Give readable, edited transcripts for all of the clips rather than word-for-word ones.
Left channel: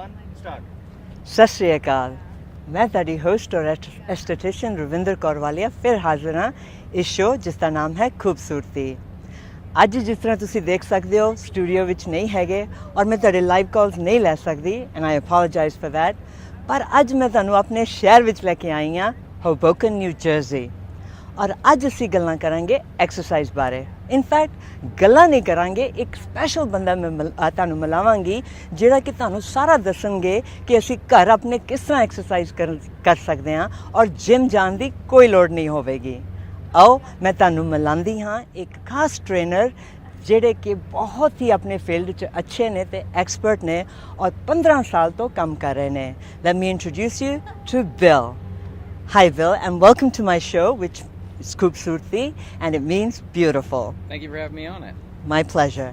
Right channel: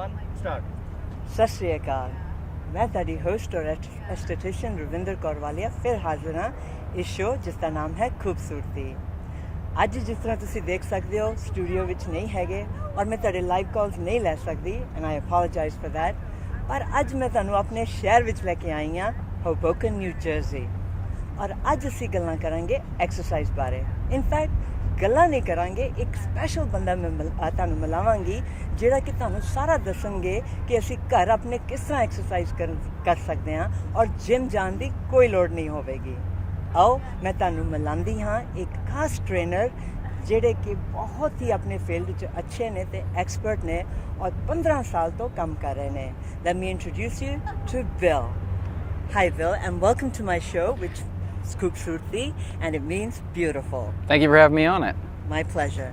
1, start. सत श्री अकाल मैं ਤੁਹਾਡੀ ਹੋਸਟ ਔਰ ਐਸਥੈਟਿਸ਼ੀਅਨ ਰਵਿੰਦਰ ਕੌਰ ਵਾਲੀਆ ਫਿਰ ਹਾਜ਼ਰ ਹਾਂ ਇਸ ਸ਼ੋਅ ਜਿਸ ਦਾ ਨਾਮ ਹੈ ਖੂਬਸੂਰਤੀ ਅੱਜ ਜਿਸ ਤਰ੍ਹਾਂ ਤੁਸੀਂ ਦੇਖ ਸਕਦੇ ਹੋ ਸਟੂਡੀਓ ਵਿੱਚ ਨਹੀਂ ਹੈਗੇ ਔਰ ਮੈਂ ਤੁਹਾਡੇ ਲਾਈਵ ਕਾਲਸ ਨਹੀਂ ਲੈ ਸਕਦੀ and I apologise for that ਪਰ ਅੱਜ ਮੈਂ ਤੁਹਾਨੂੰ ਆਪਣੇ ਸ਼ਹਿਰ ਵਿੱਚ ਲੈ ਕੇ ਆਈ ਹਾਂ ਹੋਬੋਕਨ ਨਿਊ ਜਰਸੀ ਔਰ ਅੱਜ ਅਸੀਂ ਗੱਲਾਂ ਕਰਾਂਗੇ ਐਕਸਰਸਾਈਜ਼ ਬਾਰੇ ਇਨਫੈਕਟ ਗੱਲਾਂ ਨਹੀਂ ਕਰਾਂਗੇ ਇੱਕ ਸਪੈਸ਼ਲ ਬੰਦਾ ਮੈਂ ਤੁਹਾਨੂੰ ਮਿਲਾਵਾਂਗੀ ਜਿਹੜਾ ਕਿ ਤੁਹਾਨੂੰ ਸਾਰਾ ਦੱਸਣਗੇ ਕਿ ਅਸੀਂ ਘਰ ਆਪਣੇ ਕਿਸ ਤਰ੍ਹਾਂ ਐਕਸਰਸਾਈਜ਼ ਕਰ ਸਕਦੇ ਹਾਂ ਔਰ ਜਿਮ ਜਾਣ ਦੀ ਕੋਈ ਲੋੜ ਨਹੀਂ ਹੋਵੇਗੀ ਆਓ ਮੈਂ ਤੁਹਾਨੂੰ ਮਿਲਾਉਂਦੀ ਹਾਂ ਇੱਕ ਖਾਸ ਟ੍ਰੇਨਰ ਜਿਹੜੇ ਕਿ ਬਹੁਤ ਹੀ ਆਪਣੇ ਫੀਲਡ ਵਿੱਚ ਅੱਛੇ ਨੇ ਤੇ ਐਕਸਪਰਟ ਨੇ ਔਰ 15 ਸਾਲ ਤੋਂ ਕੰਮ ਕਰ ਰਹੇ ਨੇ let me introduce you to Bill hi Bill and welcome to my show ਵਿਚ It's Khubsurti, and it means beautiful. Thank you for having me on it. My pleasure.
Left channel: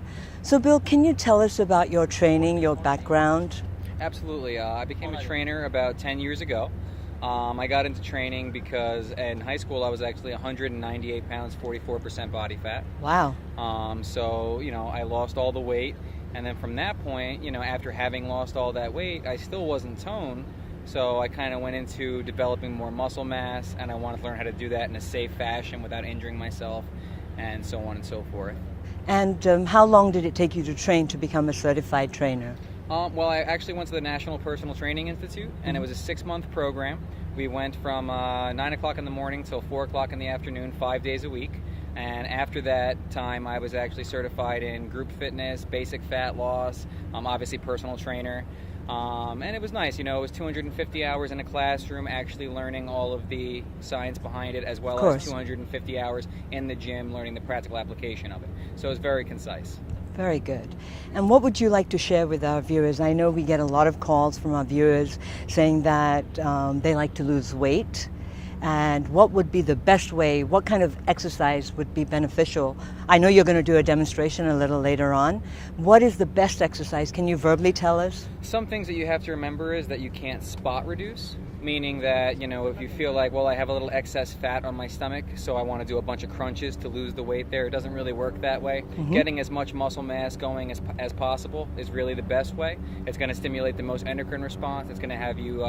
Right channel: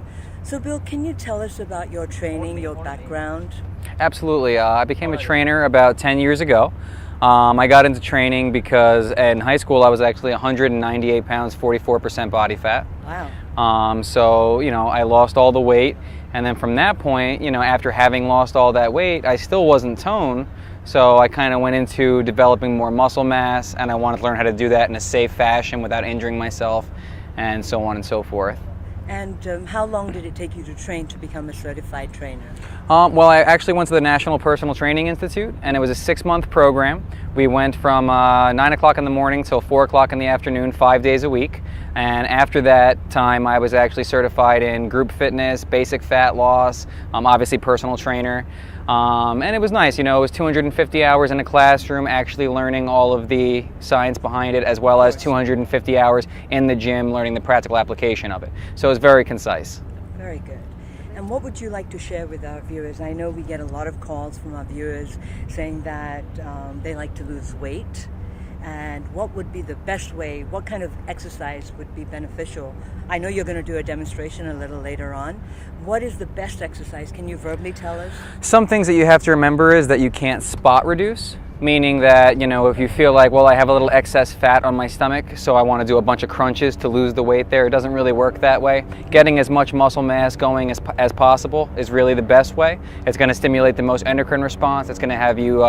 So, Bill, can you tell us about your training, your background? Absolutely. I became a trainer about 10 years ago. I got into training because in high school I was actually 198 pounds, 44% body fat. Wow. So, I lost all the weight. And then from that point, after having lost all that weight, I still wasn't toned. So I kind of went into developing more muscle mass, and I wanted to learn how to do that in a safe fashion without injuring myself, and so on and so forth. And how long did it take you to train to become a certified trainer? Well, I actually went to the National Personal Training Institute, and it was a 6-month program. We went from 9 o'clock in the morning till 4 o'clock in the afternoon, 5 days a week. And after that time, I was actually certified in group fitness, basic fat loss, obviously personal trainer. And it was nice, it was 250 hours in a classroom actually learning all of the science behind it, as well as 250 hours in the gym learning the practical application of it. So it was very concise. Very good. And what would you like to share with our viewers? I know we get a lot of calls from our viewers saying that they like to lose weight. And what would be the best way? What kind of exercise would be beneficial? I know you're going to do a demonstration a little later on. What is the best exercise? Can you verbally tell us? Some things that you have to remember is that you can't spot reduce. Meaning that, if you feel like, well, I have a little excess fat on my stomach, so I want to do a bunch of crunches to lose the weight there. It doesn't really work that way. Mm-hmm. Getting as much muscle mass going as possible is really the best way. It's going to stimulate the most endocrine response. It's going to have you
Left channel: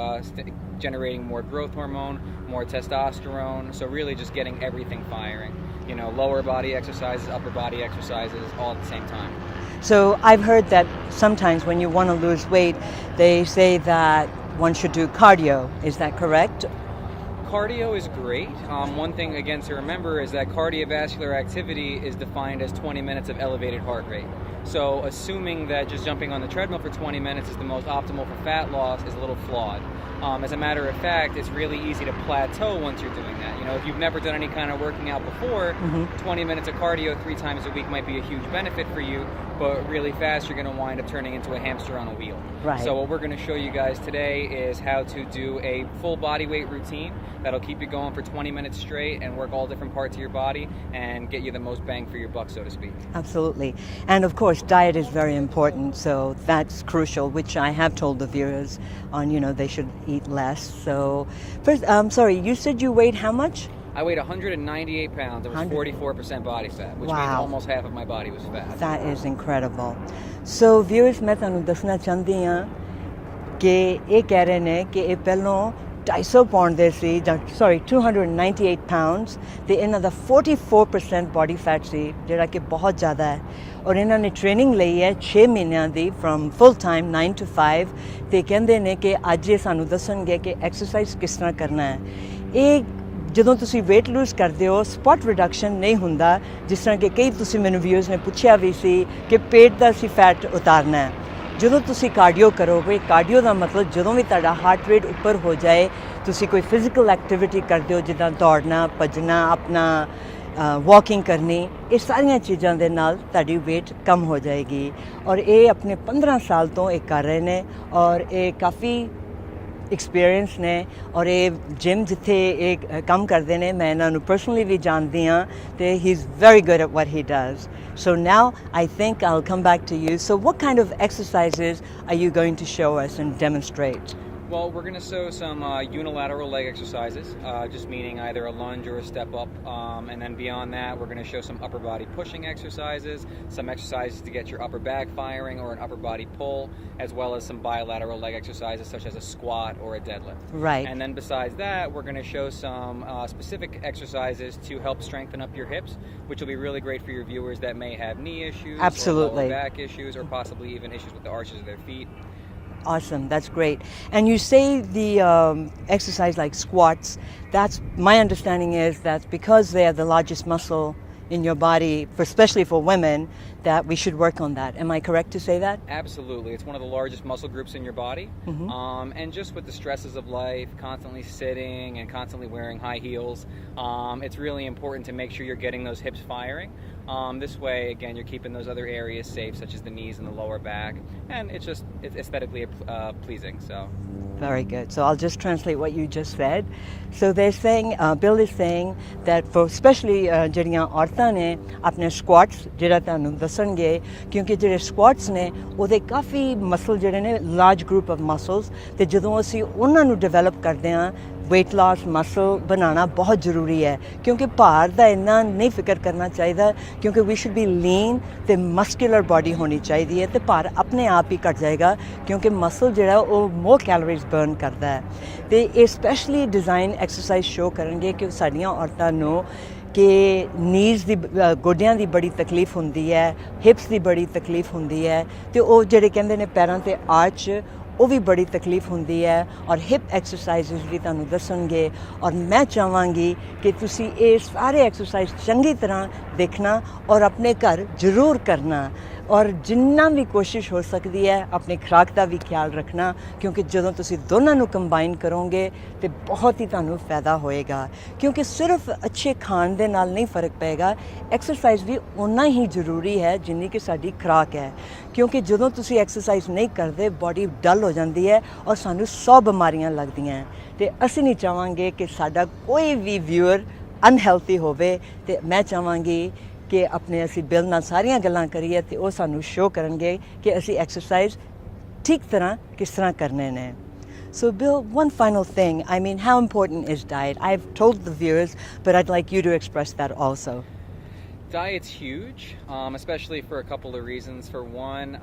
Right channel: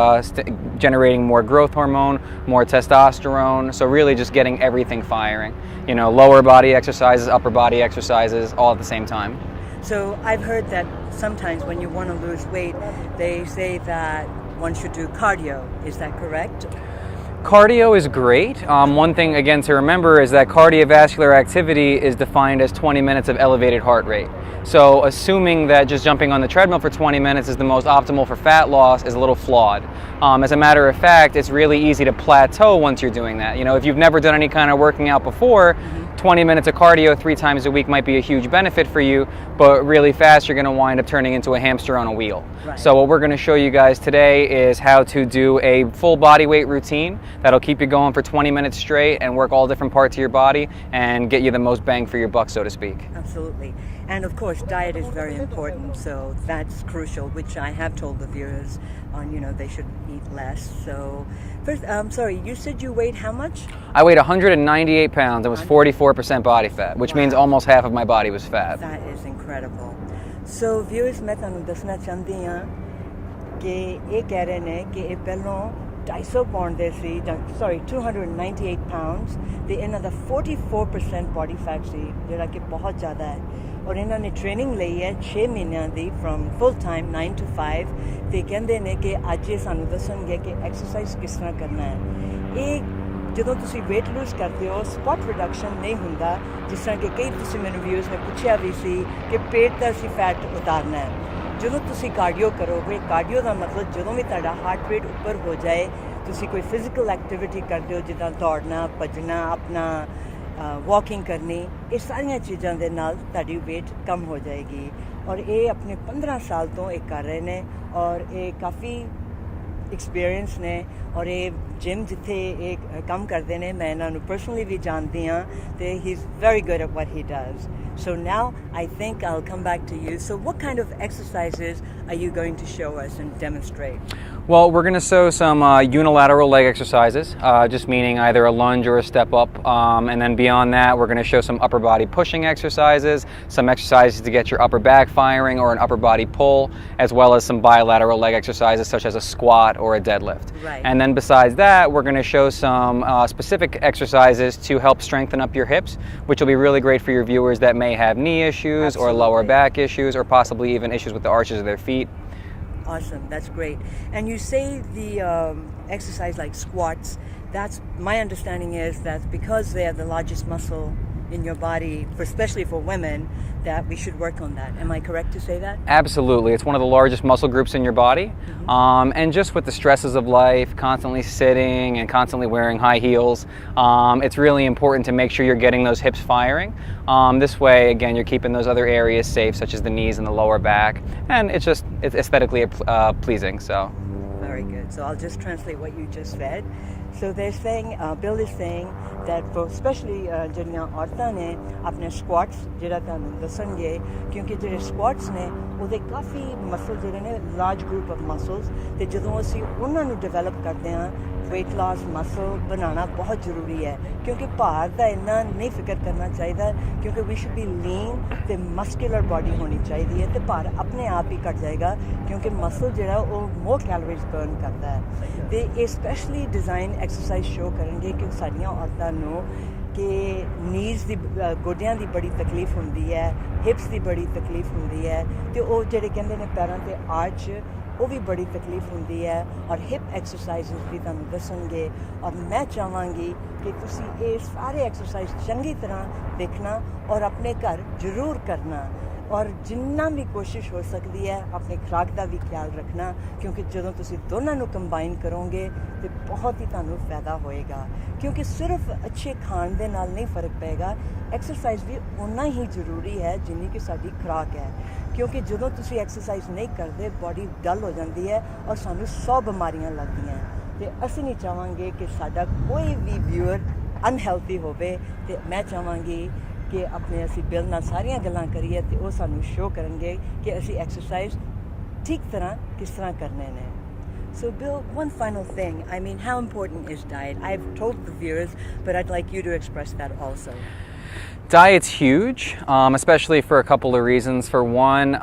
generating more growth hormone, more testosterone. So really just getting everything firing. Lower body exercises, upper body exercises, all at the same time. So I've heard that sometimes when you want to lose weight, they say that one should do cardio. Is that correct? Cardio is great. One thing, again, to remember is that cardiovascular activity is defined as 20 minutes of elevated heart rate. So assuming that just jumping on the treadmill for 20 minutes is the most optimal for fat loss is a little flawed. As a matter of fact, it's really easy to plateau once you're doing that. If you've never done any kind of working out before, 20 minutes of cardio 3 times a week might be a huge benefit for you, but really fast you're going to wind up turning into a hamster on a wheel. Right. So what we're going to show you guys today is how to do a full body weight routine that'll keep you going for 20 minutes straight and work all different parts of your body and get you the most bang for your buck, so to speak. Absolutely. And of course, diet is very important, so that's crucial, which I have told the viewers on, they should eat less. So first, sorry, you said you weighed how much? I weighed 198 pounds and was 44% body fat, which means almost half of my body was fat. That is incredible. So viewers, मैं ਤੁਹਾਨੂੰ ਦੱਸਣਾ ਚਾਹੁੰਦੀ ਹਾਂ ਕਿ ਇਹ ਕਹਿ ਰਹੇ ਨੇ ਕਿ ਇਹ ਪਹਿਲਾਂ 250 ਪਾਉਂਡ ਦੇ ਸੀ 298 pounds ਤੇ ਇਹਨਾਂ ਦਾ 44% body fat ਸੀ ਜਿਹੜਾ ਕਿ ਬਹੁਤ ਜ਼ਿਆਦਾ ਹੈ ਔਰ ਇਹਨਾਂ ਨੇ ਟ੍ਰੇਨਿੰਗ ਲਈ ਹੈ 6 ਮਹੀਨਿਆਂ ਦੀ from full time 9 to 5 ਤੇ ਕਹਿੰਦੇ ਨੇ ਕਿ ਅੱਜ ਇਹ ਸਾਨੂੰ ਦੱਸਣਗੇ ਕਿ ਐਕਸਰਸਾਈਜ਼ ਕਿਸ ਤਰ੍ਹਾਂ ਕਰਨਾ ਹੈ ਇਹ ਜਦੋਂ ਤੁਸੀਂ weight lose ਕਰਦੇ ਹੋ spot reduction ਨਹੀਂ ਹੁੰਦਾ ਜਿਸ ਤਰ੍ਹਾਂ ਕਿ ਕਈ ਤੁਸੀਂ ਮੈਨੂੰ ਵਿਊਜ਼ ਨੇ ਪੁੱਛਿਆ ਵੀ ਸੀ ਕਿ ਪੇਟ ਦਾ ਅਸੀਂ ਫੈਟ ਉਤਾਰਨਾ ਹੈ ਜਦੋਂ ਤੁਸੀਂ ਕਾਰਡੀਓ ਕਰੋਗੇ ਕਾਰਡੀਓ ਦਾ ਮਤਲਬ ਜਦੋਂ ਵੀ ਤੁਹਾਡਾ ਹਾਰਟ ਰੇਟ ਉੱਪਰ ਹੋ ਜਾਏ ਤੁਸੀਂ ਕੋਈ ਫਿਜ਼ੀਕਲ ਐਕਟੀਵਿਟੀ ਕਰਦੇ ਹੋ ਜਿੱਦਾਂ ਦੌੜਨਾ ਭੱਜਣਾ ਆਪਣਾ ਵਾਕਿੰਗ ਕਰਨੀ ਇਹ ਸਾਰੀਆਂ ਚੀਜ਼ਾਂ ਦੇ ਨਾਲ ਤੁਹਾਡੀ weight ਕਮ ਹੋ ਜਾਏਗੀ ਔਰ ਇਹ ਆਪਣੇ 15 ਸਾਲ ਤੋਂ ਇਹ ਕਰ ਰਹੇ ਨੇ ਔਰ ਇਹ ਕਾਫੀ ਐਕਸਪੀਰੀਅੰਸ ਨੇ ਔਰ ਇਹ ਜਿਮ ਜਿੱਥੇ ਇਹ ਕੰਮ ਕਰਦੇ ਨੇ ਮੈਂ ਇਹਨਾਂ ਨੂੰ ਪਰਸਨਲੀ ਵੀ ਜਾਣਦੀ ਹਾਂ ਤੇ ਹੀ is very good at what he does So now I think I'll come back to you. So what kind of exercises are you going to show us and demonstrate? Well, we're going to show some unilateral leg exercises, just meaning either a lunge or a step up. And then beyond that, we're going to show some upper body pushing exercises, some exercises to get your upper back firing or an upper body pull, as well as some bilateral leg exercises such as a squat or a deadlift. Right. And then besides that, we're going to show some specific exercises to help strengthen up your hips, which will be really great for your viewers that may have knee issues Absolutely. or lower back issues or possibly even issues with the arches of their feet. Awesome, that's great. And you say the exercise like squats, that's my understanding is that because they are the largest muscle in your body, especially for women, that we should work on that. Am I correct to say that? Absolutely. It's one of the largest muscle groups in your body. And just with the stresses of life, constantly sitting and constantly wearing high heels, it's really important to make sure you're getting those hips firing. This way, again, you're keeping those other areas safe, such as the knees and the lower back. And it's aesthetically pleasing. So. Very good. So I'll just translate what you just said. So they're saying, Bill is saying that for especially ਜਿਹੜੀਆਂ ਔਰਤਾਂ ਨੇ ਆਪਣੇ squats ਜਿਹੜਾ ਤੁਹਾਨੂੰ ਦੱਸਣਗੇ ਕਿਉਂਕਿ ਜਿਹੜੇ squats ਨੇ ਉਹਦੇ ਕਾਫੀ ਮਸਲ ਜਿਹੜੇ ਨੇ large group of muscles ਤੇ ਜਦੋਂ ਅਸੀਂ ਉਹਨਾਂ ਨੂੰ ਡਿਵੈਲਪ ਕਰਦੇ ਹਾਂ weight loss muscle ਬਣਾਉਣਾ ਬਹੁਤ ਜ਼ਰੂਰੀ ਹੈ ਕਿਉਂਕਿ ਭਾਰ ਦਾ ਇੰਨਾ ਨਹੀਂ ਫਿਕਰ ਕਰਨਾ ਚਾਹੀਦਾ ਕਿਉਂਕਿ we should be lean ਤੇ muscular body ਹੋਣੀ ਚਾਹੀਦੀ ਹੈ ਤੇ ਭਾਰ ਆਪਣੇ ਆਪ ਹੀ ਘਟ ਜਾਏਗਾ ਕਿਉਂਕਿ muscle ਜਿਹੜਾ ਉਹ more calories burn ਕਰਦਾ ਹੈ ਤੇ ਇਹ ਸਪੈਸ਼ਲੀ ਡਿਜ਼ਾਈਨ ਐਕਸਰਸਾਈਜ਼ ਸ਼ੋ ਕਰਨਗੇ ਕਿ ਸਾਡੀਆਂ ਔਰਤਾਂ ਨੂੰ ਕਿ ਨੀਜ਼ ਦੀ ਗੋਡਿਆਂ ਦੀ ਬੜੀ ਤਕਲੀਫ ਹੁੰਦੀ ਹੈ ਹਿਪਸ ਦੀ ਬੜੀ ਤਕਲੀਫ ਹੁੰਦੀ ਹੈ ਤੇ ਉਹ ਜਿਹੜੇ ਕਹਿੰਦੇ ਨੇ ਪੈਰਾਂ ਤੇ ਆਰਚ ਉਹ ਵੀ ਬੜੀ ਤਕਲੀਫ ਹੁੰਦੀ ਹੈ ਔਰ ਹਿਪ ਐਕਸਰਸਾਈਜ਼ਸ ਵੀ ਤੁਹਾਨੂੰ ਦੱਸਣਗੇ ਔਰ ਮੈਂ ਚਾਹਾਂਗੀ ਕਿ ਤੁਸੀਂ ਇਹ ਸਾਰੇ ਐਕਸਰਸਾਈਜ਼ ਚੰਗੀ ਤਰ੍ਹਾਂ ਦੇਖਣਾ ਔਰ ਆਪਣੇ ਘਰ ਜ਼ਰੂਰ ਕਰਨਾ ਔਰ ਜਿੰਨਾ ਵੀ ਕੋਸ਼ਿਸ਼ ਹੋ ਸਕਦੀ ਹੈ ਆਪਣੀ ਖੁਰਾਕ ਦਾ ਵੀ ਖਿਆਲ ਰੱਖਣਾ ਕਿਉਂਕਿ ਜਦੋਂ ਤੁਸੀਂ ਦੋਨਾਂ ਨੂੰ ਕੰਬਾਈਨ ਕਰੋਗੇ ਤੇ ਬਹੁਤ ਹੀ ਤੁਹਾਨੂੰ ਫਾਇਦਾ ਹੋਏਗਾ ਕਿਉਂਕਿ ਸਿਰਫ ਅੱਛੇ ਖਾਣ ਦੇ ਨਾਲ ਨਹੀਂ ਫਰਕ ਪਏਗਾ ਐਕਸਰਸਾਈਜ਼ ਵੀ ਓਨਾ ਹੀ ਜ਼ਰੂਰੀ ਹੈ ਜਿੰਨੀ ਕਿ ਸਾਡੀ ਖੁਰਾਕ ਹੈ ਕਿਉਂਕਿ ਜਦੋਂ ਤੁਸੀਂ ਐਕਸਰਸਾਈਜ਼ ਨਹੀਂ ਕਰਦੇ ਬਾਡੀ ਡਲ ਹੋ ਜਾਂਦੀ ਹੈ ਔਰ ਸਾਨੂੰ 100 ਬਿਮਾਰੀਆਂ ਲੱਗਦੀਆਂ ਤੇ ਅਸੀਂ ਨਹੀਂ ਚਾਹਾਂਗੇ ਕਿ ਸਾਡਾ ਕੋਈ ਵੀ ਵਿਊਅਰ ਅਨਹੈਲਥੀ ਹੋਵੇ ਤੇ ਮੈਂ ਚਾਹਾਂਗੀ ਕਿ ਆਪਣੇ ਅਸੀਂ ਬਿਲ ਨਾਲ ਸਾਰੀਆਂ ਗੱਲਾਂ ਕਰੀਏ ਤੇ ਉਹ ਸਾਨੂੰ ਸ਼ੋ ਕਰਨਗੇ ਕਿ ਅਸੀਂ ਐਕਸਰਸਾਈਜ਼ ਠੀਕ ਤਰ੍ਹਾਂ ਕਿਸ ਤਰ੍ਹਾਂ ਕਰਨੇ ਨੇ So Bill, one final thing, I mean, how important is diet? I've told the viewers, but I'd like you to express that also. Diet's huge, especially for a couple of reasons. For one,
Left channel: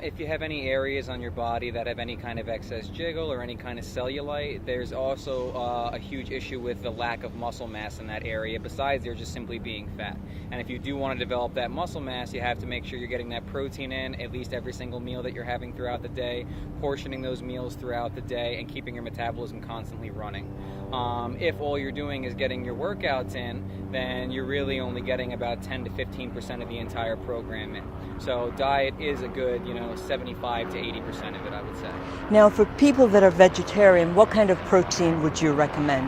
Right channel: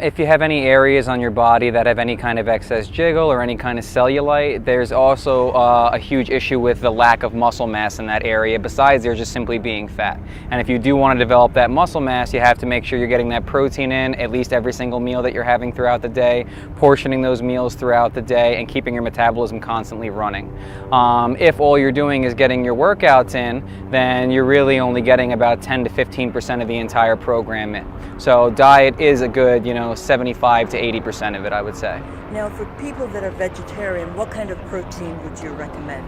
if you have any areas on your body that have any kind of excess jiggle or any kind of cellulite, there's also a huge issue with the lack of muscle mass in that area, besides there just simply being fat. And if you do want to develop that muscle mass, you have to make sure you're getting that protein in at least every single meal that you're having throughout the day, portioning those meals throughout the day, and keeping your metabolism constantly running. If all you're doing is getting your workouts in, then you're really only getting about 10 to 15% of the entire program in. So diet is a good, 75 to 80% of it, I would say. Now, for people that are vegetarian, what kind of protein would you recommend?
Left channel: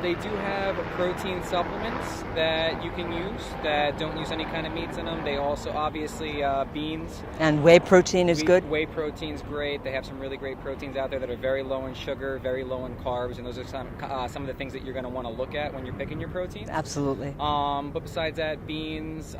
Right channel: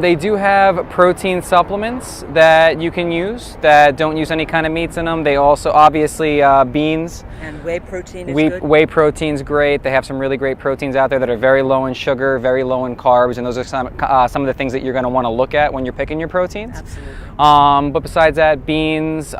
They do have protein supplements that you can use that don't use any kind of meats in them. They also, obviously, beans. And whey protein is good? Whey protein's great. They have some really great proteins out there that are very low in sugar, very low in carbs, and those are some of the things that you're going to want to look at when you're picking your proteins. Absolutely. But besides that, beans,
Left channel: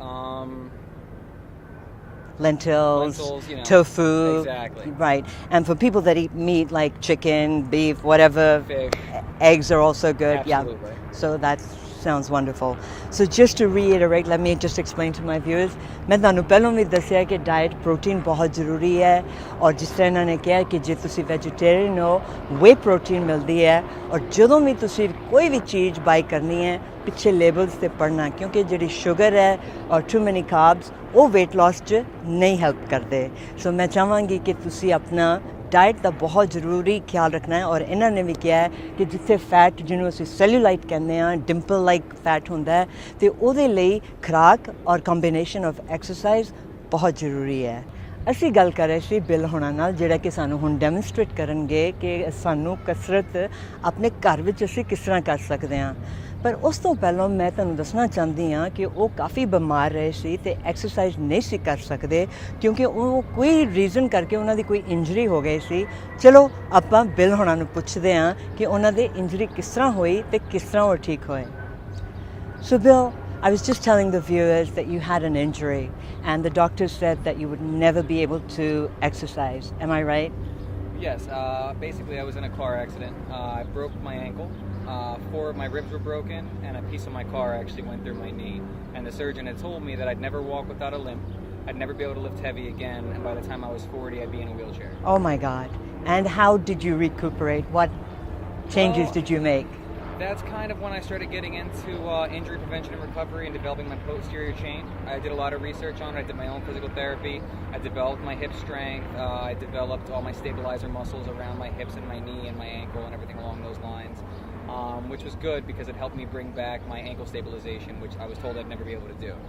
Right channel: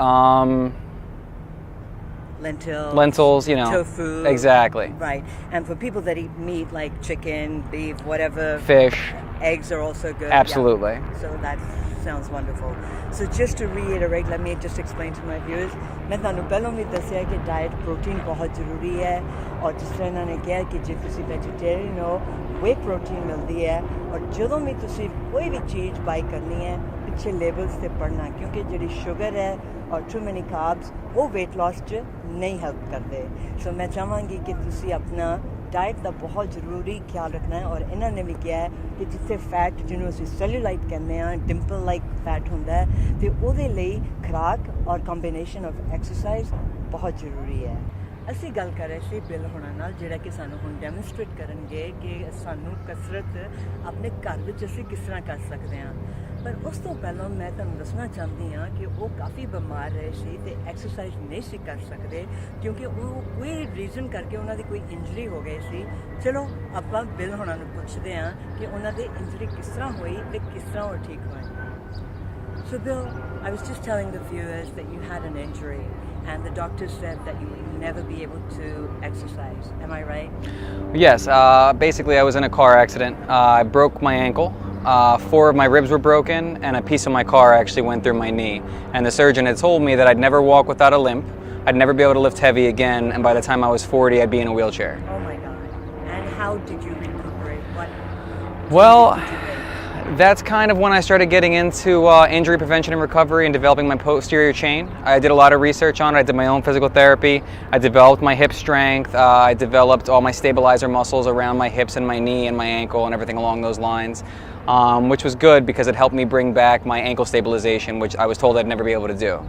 lentils, tofu. Exactly. Right. And for people that eat meat like chicken, beef, whatever. Fish. Eggs are also good. Absolutely. Yeah. So that sounds wonderful. So just to reiterate, let me just explain to my viewers. मैं ਤੁਹਾਨੂੰ ਪਹਿਲਾਂ ਵੀ ਦੱਸਿਆ ਕਿ diet protein ਬਹੁਤ ਜ਼ਰੂਰੀ ਹੈ ਔਰ ਜਿਸ ਤਰ੍ਹਾਂ ਇਹਨਾਂ ਨੇ ਕਿਹਾ ਕਿ ਜੇ ਤੁਸੀਂ ਵੈਜੀਟੇਰੀਅਨ ਹੋ ਵੇ ਪ੍ਰੋਟੀਨ ਮਿਲਦੀ ਹੈ ਔਰ ਜਦੋਂ ਵੀ ਤੁਸੀਂ ਕੋਈ ਵੀ ਚੀਜ਼ ਬਾਈ ਕਰਨੀ ਹੈ ਪਿੱਛੇ ਲੇਬਲਸ ਤੇ ਪੜ੍ਹਨਾ ਕਿਉਂਕਿ ਜਿਹੜੀ ਸ਼ੂਗਰ ਹੈ ਔਰ ਟੂ ਮੈਨੀ ਕਾਰਬਸ ਉਹ weight loss 'ਚ ਨਹੀਂ ਹੈਲਪ ਕਰਦੇ ਸੋ ਮੈਂ ਚਾਹਾਂਗੀ ਕਿ ਤੁਸੀਂ ਆਪਣਾ ਡਾਈਟ ਦਾ ਬਹੁਤ ਜ਼ਰੂਰੀ ਖਿਆਲ ਰੱਖਣਾ ਹੈ ਔਰ ਇਹਨਾਂ ਨੇ ਵੀ ਕਿਹਾ ਹੈ ਕਿ ਜਿੱਥੇ ਫੈਟ ਜਿਹਨੂੰ ਅਸੀਂ ਸੈਲੂਲਾਈਟ ਕਹਿੰਦੇ ਹਾਂ ਡਿੰਪਲ ਲਾਈਕ ਫੈਟ ਹੁੰਦਾ ਹੈ ਤੇ ਉਹਦੇ ਲਈ ਖੁਰਾਕ ਔਰ ਕੰਬੀਨੇਸ਼ਨ ਆਫ ਐਕਸਰਸਾਈਜ਼ ਬਹੁਤ ਜ਼ਰੂਰੀ ਹੈ ਅਸੀਂ ਗੱਲ ਕਰ ਰਹੇ ਸੀ ਬਿਲ ਹੋਣਾ ਨਾਲ ਜਿਹੜਾ ਕਿ ਸਾਨੂੰ ਹੁਣ ਡੈਮੋਨਸਟ੍ਰੇਟ ਕਰਨਗੇ ਕਿ ਸਾਨੂੰ ਕਸਰਤ ਆਪਣੇ ਘਰ ਵਿੱਚ ਅਸੀਂ ਕਿਸ ਤਰ੍ਹਾਂ ਕਰ ਸਕਦੇ ਹਾਂ ਪਰ ਉਸ ਤੋਂ ਪਹਿਲਾਂ ਮੈਂ ਤੁਹਾਨੂੰ ਦੱਸਣਾ ਚਾਹੁੰਦੀ ਹਾਂ ਕਿ ਉਹ ਕਾਫੀ ਬਿਮਾਰ ਰਹੇ ਸੀ ਤੇ ਐਕਸਰਸਾਈਜ਼ ਨਹੀਂ ਸੀ ਕਰ ਸਕਦੇ ਕਿਉਂਕਿ ਉਹ ਕੋਈ ਰੀਜ਼ਨ ਕਰਕੇ ਉਹਨਾਂ ਦੀ ਕੋਈ ਇੰਜਰੀ ਹੋ ਗਈ ਸੀ ਚਲੋ ਆਪਾਂ ਬਿਲ ਹੋਣਾ ਨੂੰ ਪੁੱਛਦੇ ਹਾਂ ਕਿ ਉਹਨਾਂ ਦੀ ਇੰਜਰੀ ਕਿਸ ਤਰ੍ਹਾਂ ਹੋਈ ਤੇ ਕਿਸ ਤਰ੍ਹਾਂ ਉਹ ਠੀਕ ਹੋਏ So Bill, I was just telling the viewers that you had an injury and the doctor said that you would never be able to exercise. Am I right? Yes, basically I was in a car accident. I broke my ankle. 4 of my ribs were broken, and a piece of my car actually went through my knee. And the surgeon had told me that I'd never walk without a limp, I'd never be able to lift heavy again, and by the time I was 40, I'd be in a wheelchair. Oh my God. And how did you recuperate? What Well, changes did you make? That's kind of when I started getting into injury prevention and recovery and developing my posterior chain. I did a lot of research on it. I did my own physical therapy. I developed my hip strength. I developed all my stabilizer muscles around my hips and my knee and my ankle and everything along those lines, which was good because it helped me bring back my ankle stabilization, which I was told I'd never be able to do.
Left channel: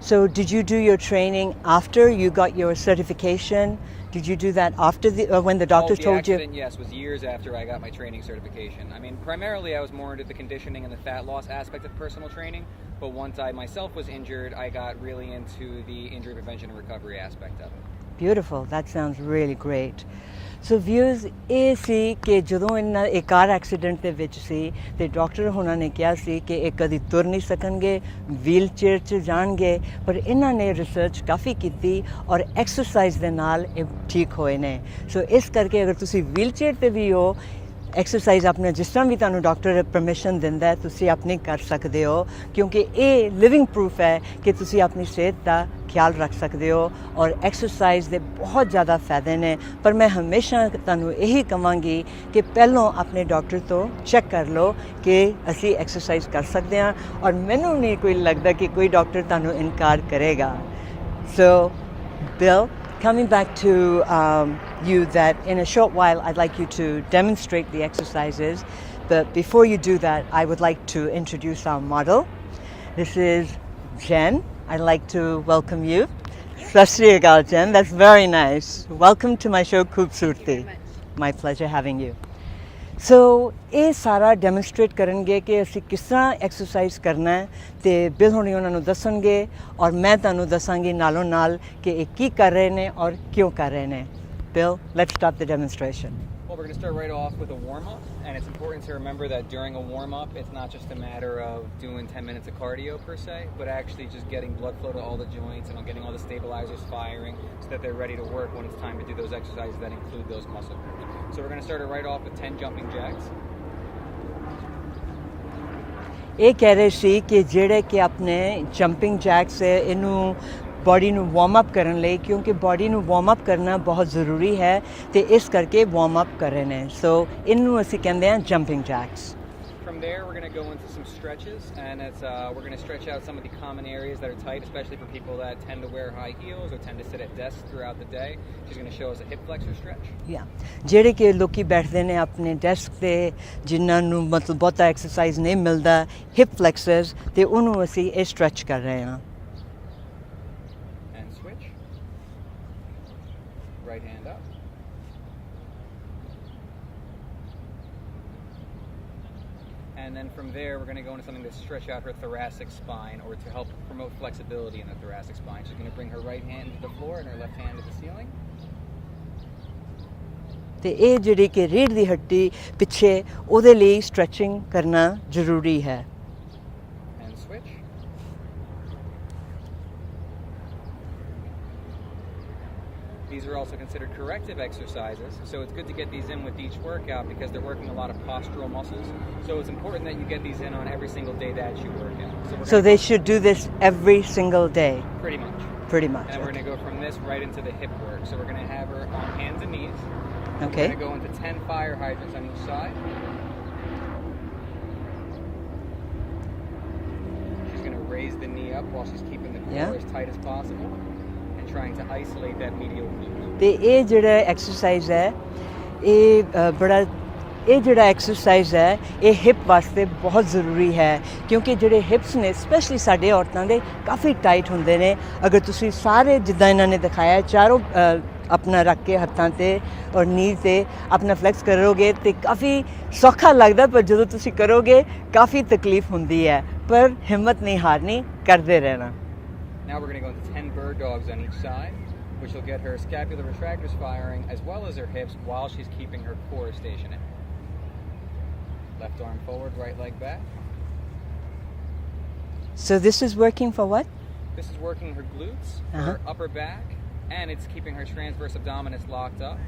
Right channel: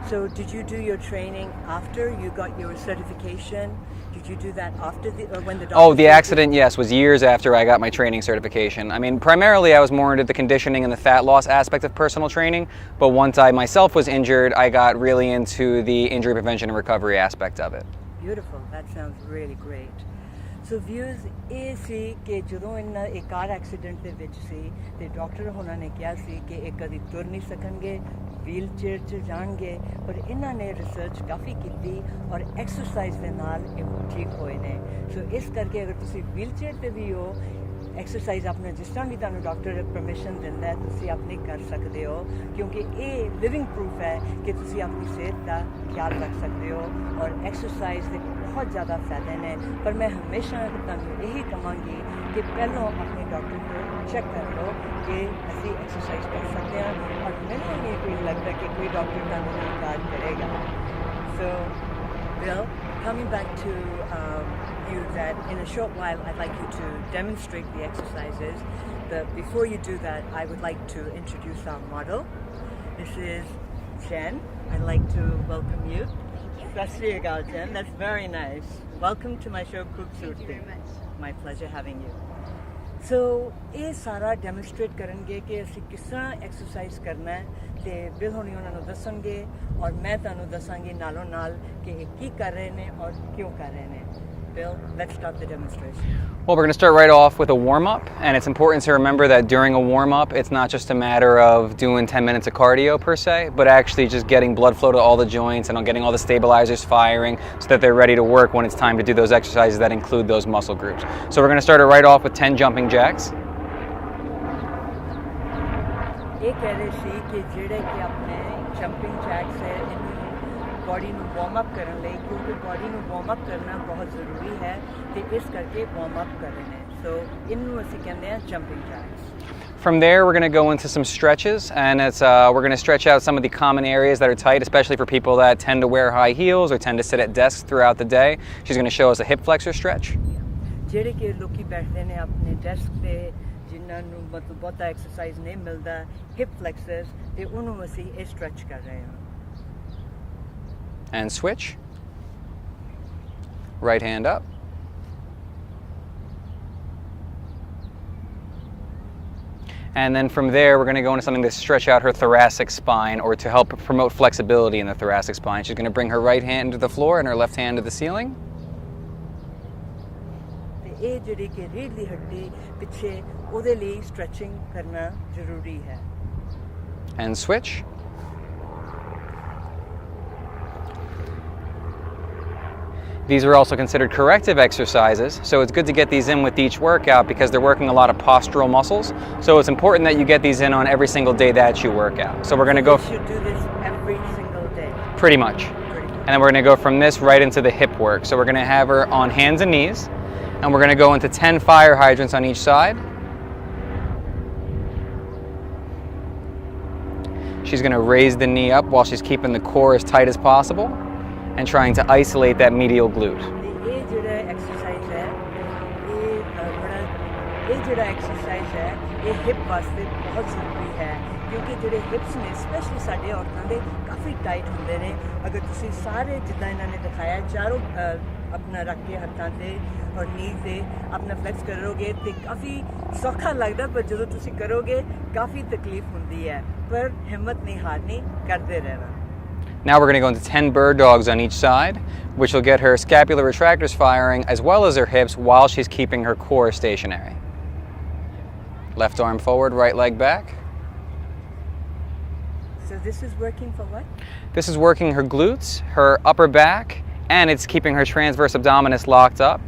So did you do your training after you got your certification? Did you do that after when the doctor Oh, told the you? accident, yes, was years after I got my training certification. I mean, primarily I was more into the conditioning and the fat loss aspect of personal training, but once I myself was injured, I got really into the injury prevention and recovery aspect of it. Beautiful. That sounds really great. So viewers, ਇਹ ਸੀ ਕਿ ਜਦੋਂ ਇਹਨਾਂ ਇੱਕ car accident ਦੇ ਵਿੱਚ ਸੀ ਤੇ doctor ਹੋਣਾ ਨੇ ਕਿਹਾ ਸੀ ਕਿ ਇਹ ਕਦੀ ਤੁਰ ਨਹੀਂ ਸਕਣਗੇ, ਵੀਲ ਚੇਅਰ 'ਚ ਜਾਣਗੇ, ਪਰ ਇਹਨਾਂ ਨੇ ਰਿਸਰਚ ਕਾਫੀ ਕੀਤੀ ਔਰ ਐਕਸਰਸਾਈਜ਼ ਦੇ ਨਾਲ ਇਹ ਠੀਕ ਹੋਏ ਨੇ। ਸੋ ਇਸ ਕਰਕੇ ਅਗਰ ਤੁਸੀਂ ਵੀਲ ਚੇਅਰ 'ਤੇ ਵੀ ਹੋ, ਐਕਸਰਸਾਈਜ਼ ਆਪਣੇ ਜਿਸ ਤਰ੍ਹਾਂ ਵੀ ਤੁਹਾਨੂੰ ਡਾਕਟਰ ਪਰਮਿਸ਼ਨ ਦਿੰਦਾ ਹੈ ਤੁਸੀਂ ਆਪਣੀ ਕਰ ਸਕਦੇ ਹੋ, ਕਿਉਂਕਿ ਇਹ ਲਿਵਿੰਗ ਪ੍ਰੂਫ ਹੈ ਕਿ ਤੁਸੀਂ ਆਪਣੀ ਸਿਹਤ ਦਾ ਖਿਆਲ ਰੱਖ ਸਕਦੇ ਹੋ ਔਰ ਐਕਸਰਸਾਈਜ਼ ਦੇ ਬਹੁਤ ਜ਼ਿਆਦਾ ਫਾਇਦੇ ਨੇ। ਪਰ ਮੈਂ ਹਮੇਸ਼ਾ ਤੁਹਾਨੂੰ ਇਹੀ ਕਹਾਂਗੀ ਕਿ ਪਹਿਲਾਂ ਆਪਣੇ ਡਾਕਟਰ ਤੋਂ ਚੈੱਕ ਕਰ ਲਓ ਕਿ ਅਸੀਂ ਐਕਸਰਸਾਈਜ਼ ਕਰ ਸਕਦੇ ਹਾਂ ਔਰ ਮੈਨੂੰ ਨਹੀਂ ਕੋਈ ਲੱਗਦਾ ਕਿ ਕੋਈ ਡਾਕਟਰ ਤੁਹਾਨੂੰ ਇਨਕਾਰ ਕਰੇਗਾ। So Bill, coming back to you, that in a short while I'd like you to demonstrate the exercises, but before you do that I would like to introduce our model. This is Jen. I'd like to welcome you. Sat Shri Akal, Jen. That's very nice. Welcome to my show Khoobsurti. My pleasure having you. So ਇਹ ਸਾਰਾ demonstrate ਕਰਨਗੇ ਕਿ ਅਸੀਂ ਕਿਸ ਤਰ੍ਹਾਂ exercise ਕਰਨਾ ਹੈ ਤੇ ਬਿਲ ਹੁਣੀ ਉਹਨਾਂ ਨੂੰ ਦੱਸਣਗੇ ਔਰ ਮੈਂ ਤੁਹਾਨੂੰ ਦੱਸਾਂਗੀ ਨਾਲੋਂ ਨਾਲ ਕਿ ਇਹ ਕੀ ਕਰ ਰਹੇ ਨੇ ਔਰ ਕਿਉਂ ਕਰ ਰਹੇ ਨੇ। Bill, let's start the demonstration. Well, we're going to start right off with a warm-up, and it's important to remember that during a warm-up, it's not just a matter of doing 10 minutes of cardio per se, but actually just getting blood flow to all the joints and getting all the stabilizers firing so that they're ready to work when it's time to do those exercises that include those muscle groups. So we're going to start it right off with 10 jumping jacks. ਇਹ ਕਹਿ ਰਹੇ ਸੀ ਕਿ ਜਿਹੜੇ ਕਿ ਆਪਣੇ jumping jacks ਹੈ ਇਹਨੂੰ body ਨੂੰ ਵਾਰਮ ਅਪ ਕਰਨ ਲਈ, ਕਿਉਂਕਿ ਬੋਡੀ ਨੂੰ ਵਾਰਮ ਅਪ ਕਰਨਾ ਬਹੁਤ ਜ਼ਰੂਰੀ ਹੈ ਤੇ ਇਸ ਕਰਕੇ ਵਾਰਮ ਅਪ ਕਰ ਰਹੇ ਨੇ। ਸੋ ਇਹਨੂੰ ਅਸੀਂ ਕਹਿੰਦੇ ਹਾਂ jumping jacks. From there, we're going to go into some stretches, and we're going to stretch out some of the common areas that are tight, especially for people that tend to wear high heels or tend to sit at desks throughout the day. She's going to show us a hip flexor stretch. Yeah. ਜਿਹੜੇ ਕਿ ਲੋਕੀ ਬੈਠਦੇ ਨੇ ਆਪਣੇ desk ਤੇ ਜਿਨ੍ਹਾਂ ਨੂੰ ਮਤਲਬ ਬਹੁਤਾ ਐਕਸਰਸਾਈਜ਼ ਨਹੀਂ ਮਿਲਦਾ, ਹਿਪ ਫਲੈਕਸਰਸ, ਤੇ ਉਹਨੂੰ ਅਸੀਂ ਇਹ ਸਟ੍ਰੈਚ ਕਰ ਰਹੇ ਹਾਂ। And switch. Right hand up. And then from there, we're going to go into something to stretch out her thoracic spine or to help promote flexibility in the thoracic spine. She's going to bring her right hand to the floor and her left hand to the ceiling. ਤੇ ਇਹ ਜਿਹੜੀ ਕਿ ਰੀੜ੍ਹ ਦੀ ਹੱਡੀ ਪਿੱਛੇ ਉਹਦੇ ਲਈ stretching ਕਰਨਾ ਜ਼ਰੂਰੀ ਹੈ। And switch. These are also considered corrective exercises, so it's good to get these in with each workout because they're working a lot of postural muscles. So it's important that you get these in on every single day that you work out. So we're going to go. So they should do this every single day. Pretty much. Pretty much. And then we're going to go from this right into the hip work. So we're going to have her on hands and knees, and we're going to go into 10 fire hydrants on each side. She's going to raise the knee up while she's keeping the core as tight as possible and trying to isolate that medial glute. ਤੇ ਇਹ ਜਿਹੜਾ exercise ਹੈ ਇਹ ਜਿਹੜਾ exercise ਹੈ ਇਹ hip ਵਾਸਤੇ ਬਹੁਤ ਜ਼ਰੂਰੀ ਹੈ, ਕਿਉਂਕਿ ਜਿਹੜੇ ਹਿਪਸ ਨੇ ਸਪੈਸ਼ਲੀ ਸਾਡੇ ਔਰਤਾਂ ਦੇ ਕਾਫੀ ਟਾਈਟ ਹੁੰਦੇ ਨੇ। ਅਗਰ ਤੁਸੀਂ ਸਾਰੇ ਜਿੱਦਾਂ ਇਹਨਾਂ ਨੇ ਦਿਖਾਇਆ ਚਾਰੋਂ ਆਪਣਾ ਰੱਖ ਕੇ ਹੱਥਾਂ ਤੇ ਔਰ ਨੀ ਤੇ ਆਪਣਾ ਫਲੈਕਸ ਕਰੋਗੇ ਤੇ ਕਾਫੀ ਸੌਖਾ ਲੱਗਦਾ, ਪਰ ਜਦੋਂ ਤੁਸੀਂ ਕਰੋਗੇ ਕਾਫੀ ਤਕਲੀਫ ਹੁੰਦੀ ਹੈ, ਪਰ ਹਿੰਮਤ ਨਹੀਂ ਹਾਰਨੀ, ਕਰਦੇ ਰਹਿਣਾ। Now we're going to go into 10 bird dogs on each side, which will get her scapular retractors firing as well as her hips while she's keeping her core stationary. Left arm forward, right leg back. So this is working for what? This is working her glutes, her upper back, and it's keeping her transverse abdominis locked up.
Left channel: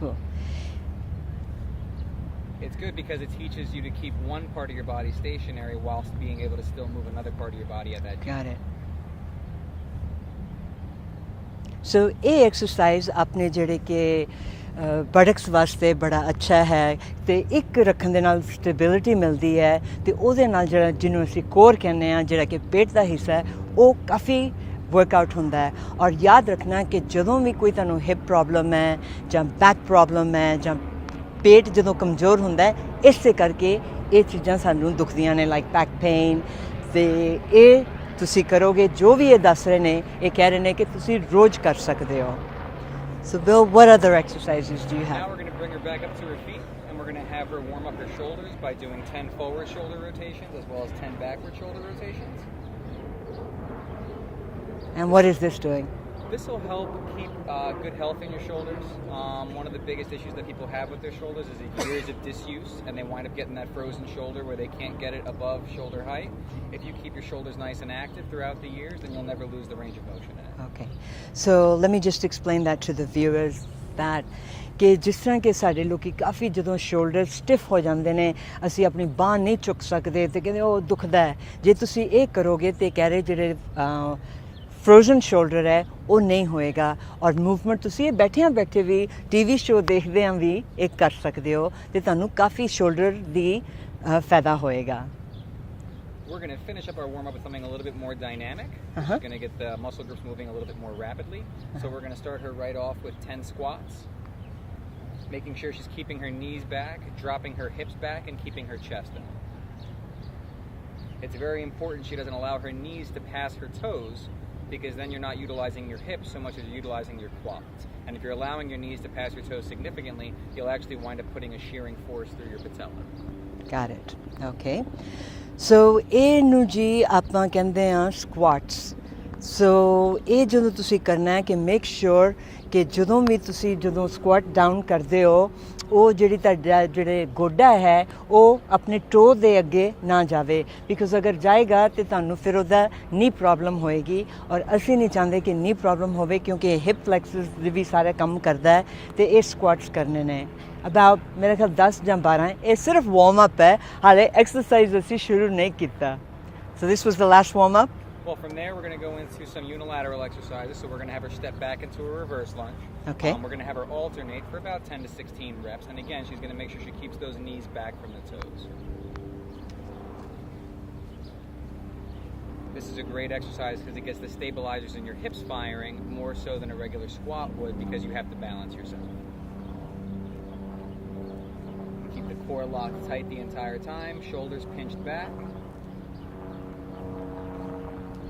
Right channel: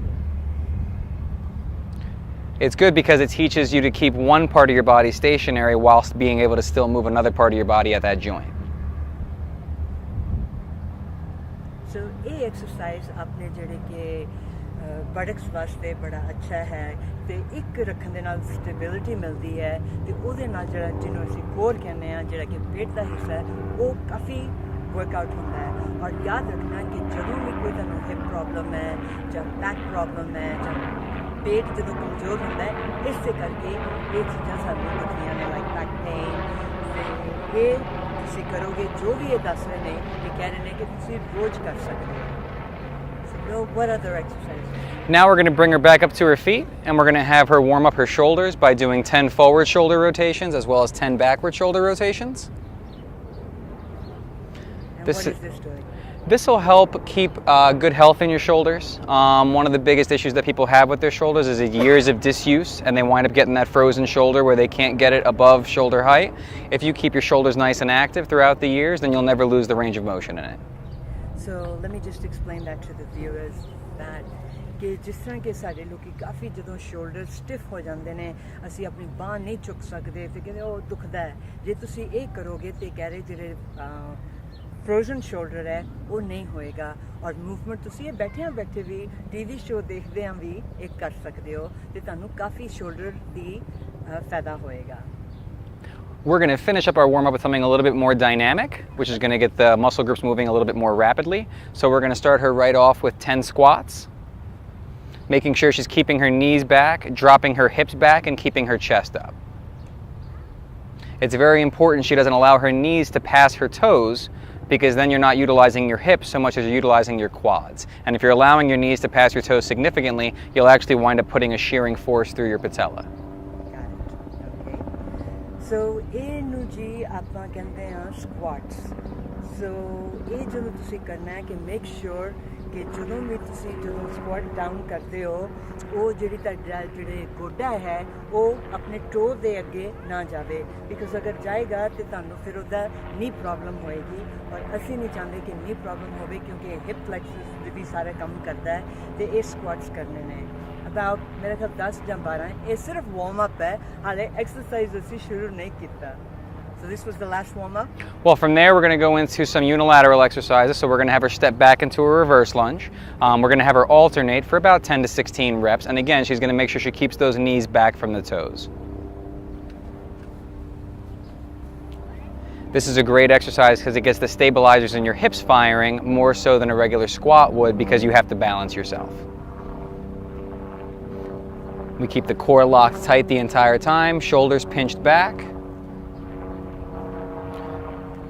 Cool. It's good because it teaches you to keep one part of your body stationary whilst being able to still move another part of your body at that joint. So ਇਹ exercise ਆਪਣੇ ਜਿਹੜੇ ਕਿ ਬੜਕਸ ਵਾਸਤੇ ਬੜਾ ਅੱਛਾ ਹੈ ਤੇ ਇੱਕ ਰੱਖਣ ਦੇ ਨਾਲ ਸਟੇਬਿਲਿਟੀ ਮਿਲਦੀ ਹੈ ਤੇ ਉਹਦੇ ਨਾਲ ਜਿਹੜਾ ਜਿਹਨੂੰ ਅਸੀਂ ਕੋਰ ਕਹਿੰਦੇ ਆ ਜਿਹੜਾ ਕਿ ਪੇਟ ਦਾ ਹਿੱਸਾ ਹੈ ਉਹ ਕਾਫੀ ਵਰਕਆਊਟ ਹੁੰਦਾ ਹੈ ਔਰ ਯਾਦ ਰੱਖਣਾ ਕਿ ਜਦੋਂ ਵੀ ਕੋਈ ਤੁਹਾਨੂੰ ਹਿਪ ਪ੍ਰੋਬਲਮ ਹੈ ਜਾਂ ਬੈਕ ਪ੍ਰੋਬਲਮ ਹੈ ਜਾਂ ਪੇਟ ਜਦੋਂ ਕਮਜ਼ੋਰ ਹੁੰਦਾ ਹੈ ਇਸੇ ਕਰਕੇ ਇਹ ਚੀਜ਼ਾਂ ਸਾਨੂੰ ਦੁਖਦੀਆਂ ਨੇ ਲਾਈਕ ਬੈਕ ਪੇਨ ਤੇ ਇਹ ਤੁਸੀਂ ਕਰੋਗੇ ਜੋ ਵੀ ਇਹ ਦੱਸ ਰਹੇ ਨੇ ਇਹ ਕਹਿ ਰਹੇ ਨੇ ਕਿ ਤੁਸੀਂ ਰੋਜ਼ ਕਰ ਸਕਦੇ ਹੋ So Bill, what other exercises do you have? Now we're going to bring her back up to her feet and we're going to have her warm up her shoulders by doing 10 forward shoulder rotations as well as 10 backward shoulder rotations. And what is this doing? This will help keep good health in your shoulders. One of the biggest issues that people have with their shoulders is years of disuse and they wind up getting that frozen shoulder where they can't get it above shoulder height. If you keep your shoulders nice and active throughout the years, then you'll never lose the range of motion in it. Okay. So let me just explain that to the viewers that ਕਿ ਜਿਸ ਤਰ੍ਹਾਂ ਕਿ ਸਾਡੇ ਲੋਕੀ ਕਾਫੀ ਜਦੋਂ shoulder stiff ਹੋ ਜਾਂਦੇ ਨੇ ਅਸੀਂ ਆਪਣੀ ਬਾਂਹ ਨਹੀਂ ਚੁੱਕ ਸਕਦੇ ਤੇ ਕਹਿੰਦੇ ਉਹ ਦੁਖਦਾ ਹੈ ਜੇ ਤੁਸੀਂ ਇਹ ਕਰੋਗੇ ਤੇ ਕਹਿ ਰਹੇ ਜਿਹੜੇ ਫਰੋਜ਼ਨ ਸ਼ੋਲਡਰ ਹੈ ਉਹ ਨਹੀਂ ਹੋਏਗਾ ਔਰ ਮੂਵਮੈਂਟ ਤੁਸੀਂ ਇਹ ਬੈਠੇ ਵੀ ਟੀਵੀ ਸ਼ੋਅ ਦੇਖਦੇ ਆਂ ਵੀ ਇਹ ਕਰ ਸਕਦੇ ਹੋ ਤੇ ਤੁਹਾਨੂੰ ਕਾਫੀ ਸ਼ੋਲਡਰ ਦੀ ਫਾਇਦਾ ਹੋਏਗਾ We're going to finish up our warm-up with something a little bit more dynamic, which is going to get the muscle groups moving a little bit more rapidly. So we're going to start her right off with 10 squats, making sure she's keeping her knees back, dropping her hips back, and keeping her chest up. It's very important she doesn't allow her knees to pass her toes because then you're not utilizing your hips so much as you're utilizing your quads. And if you're allowing your knees to pass your toes significantly, you'll actually wind up putting a shearing force through your patella. Got it. Okay. So ਇਹਨੂੰ ਜੀ ਆਪਾਂ ਕਹਿੰਦੇ ਆ ਸਕੁਆਟਸ ਸੋ ਇਹ ਜਦੋਂ ਤੁਸੀਂ ਕਰਨਾ ਹੈ ਕਿ ਮੇਕ ਸ਼ੋਰ ਕਿ ਜਦੋਂ ਵੀ ਤੁਸੀਂ ਜਦੋਂ ਸਕੁਆਟ ਡਾਊਨ ਕਰਦੇ ਹੋ ਉਹ ਜਿਹੜੀ ਤੁਹਾਡਾ ਜਿਹੜੇ ਗੋਡਾ ਹੈ ਉਹ ਆਪਣੇ ਟੋ ਦੇ ਅੱਗੇ ਨਾ ਜਾਵੇ ਬਿਕੋਜ਼ ਅਗਰ ਜਾਏਗਾ ਤੇ ਤੁਹਾਨੂੰ ਫਿਰ ਉਹਦਾ ਨੀ ਪ੍ਰੋਬਲਮ ਹੋਏਗੀ ਔਰ ਅਸੀਂ ਨਹੀਂ ਚਾਹੁੰਦੇ ਕਿ ਨੀ ਪ੍ਰੋਬਲਮ ਹੋਵੇ ਕਿਉਂਕਿ ਇਹ ਹਿਪ ਫਲੈਕਸਸ ਦੇ ਵੀ ਸਾਰਾ ਕੰਮ ਕਰਦਾ ਹੈ ਤੇ ਇਹ ਸਕੁਆਟਸ ਕਰਨੇ ਨੇ about मेरे ख्याल 10 ਜਾਂ 12 ਇਹ ਸਿਰਫ ਵਾਰਮ ਅਪ ਹੈ ਹਾਲੇ ਐਕਸਰਸਾਈਜ਼ ਅਸੀਂ ਸ਼ੁਰੂ ਨਹੀਂ ਕੀਤਾ So this was the last warm up? Well, from there we're going to go into some unilateral exercises. So we're going to have her step back into a reverse lunge. Okay. We're going to have her alternate for about 10 to 16 reps. And again, she's going to make sure she keeps those knees back from the toes. This is a great exercise because it gets the stabilizers in your hips firing more so than a regular squat would because you have to balance yourself. We keep the core locked tight the entire time, shoulders pinched back.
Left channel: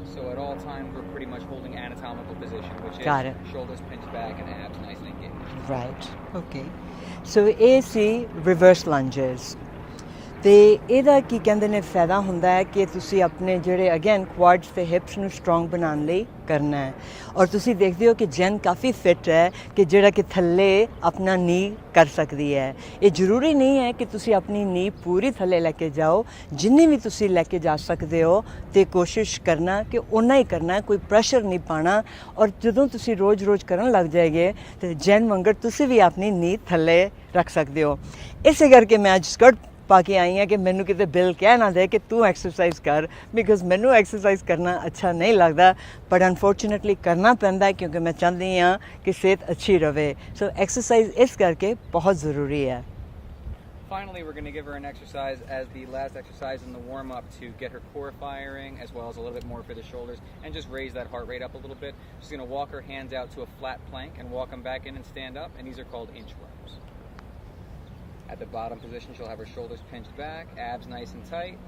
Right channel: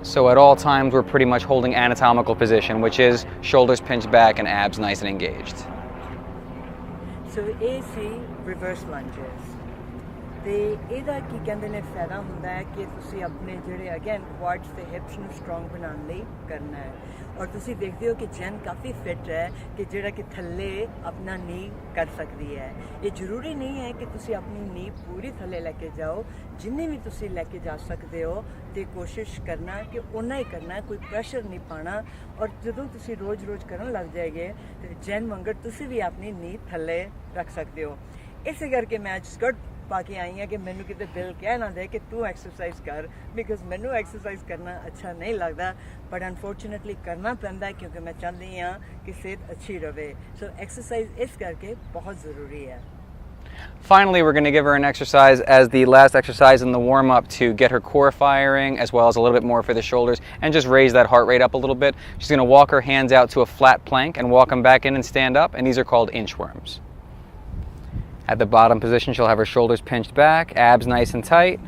So at all times, we're pretty much holding anatomical position, which is shoulders pinched back and abs nice and engaged. Right, okay. So AC reverse lunges. ਤੇ ਇਹਦਾ ਕੀ ਕਹਿੰਦੇ ਨੇ ਫਾਇਦਾ ਹੁੰਦਾ ਹੈ ਕਿ ਤੁਸੀਂ ਆਪਣੇ ਜਿਹੜੇ ਅਗੇਨ ਕੁਆਡਸ ਤੇ ਹਿਪਸ ਨੂੰ ਸਟਰੋਂਗ ਬਣਾਉਣ ਲਈ ਕਰਨਾ ਹੈ ਔਰ ਤੁਸੀਂ ਦੇਖਦੇ ਹੋ ਕਿ ਜੈਨ ਕਾਫੀ ਫਿਟ ਹੈ ਕਿ ਜਿਹੜਾ ਕਿ ਥੱਲੇ ਆਪਣਾ ਨੀ ਕਰ ਸਕਦੀ ਹੈ ਇਹ ਜ਼ਰੂਰੀ ਨਹੀਂ ਹੈ ਕਿ ਤੁਸੀਂ ਆਪਣੀ ਨੀ ਪੂਰੀ ਥੱਲੇ ਲੈ ਕੇ ਜਾਓ ਜਿੰਨੀ ਵੀ ਤੁਸੀਂ ਲੈ ਕੇ ਜਾ ਸਕਦੇ ਹੋ ਤੇ ਕੋਸ਼ਿਸ਼ ਕਰਨਾ ਕਿ ਓਨਾ ਹੀ ਕਰਨਾ ਕੋਈ ਪ੍ਰੈਸ਼ਰ ਨਹੀਂ ਪਾਣਾ ਔਰ ਜਦੋਂ ਤੁਸੀਂ ਰੋਜ਼ ਕਰਨ ਲੱਗ ਜਾਏਗੇ ਤੇ ਜੈਨ ਵਾਂਗਰ ਤੁਸੀਂ ਵੀ ਆਪਣੀ ਨੀ ਥੱਲੇ ਰੱਖ ਸਕਦੇ ਹੋ ਇਸੇ ਕਰਕੇ ਮੈਂ ਅੱਜ ਸਕਰਟ ਪਾ ਕੇ ਆਈ ਹਾਂ ਕਿ ਮੈਨੂੰ ਕਿਤੇ ਬਿਲ ਕਹਿ ਨਾ ਦੇ ਕਿ ਤੂੰ ਐਕਸਰਸਾਈਜ਼ ਕਰ ਬਿਕਾਜ਼ ਮੈਨੂੰ ਐਕਸਰਸਾਈਜ਼ ਕਰਨਾ ਅੱਛਾ ਨਹੀਂ ਲੱਗਦਾ ਬਟ ਅਨਫੋਰਚੂਨੇਟਲੀ ਕਰਨਾ ਪੈਂਦਾ ਕਿਉਂਕਿ ਮੈਂ ਚਾਹੁੰਦੀ ਹਾਂ ਕਿ ਸਿਹਤ ਅੱਛੀ ਰਹੇ ਸੋ ਐਕਸਰਸਾਈਜ਼ ਇਸ ਕਰਕੇ ਬਹੁਤ ਜ਼ਰੂਰੀ ਹੈ Finally, we're going to give her an exercise as the last exercise in the warm-up to get her core firing as well as a little bit more for the shoulders and just raise that heart rate up a little bit. She's going to walk her hands out to a flat plank and walk them back in and stand up, and these are called inchworms. At the bottom position, she'll have her shoulders pinched back, abs nice and tight.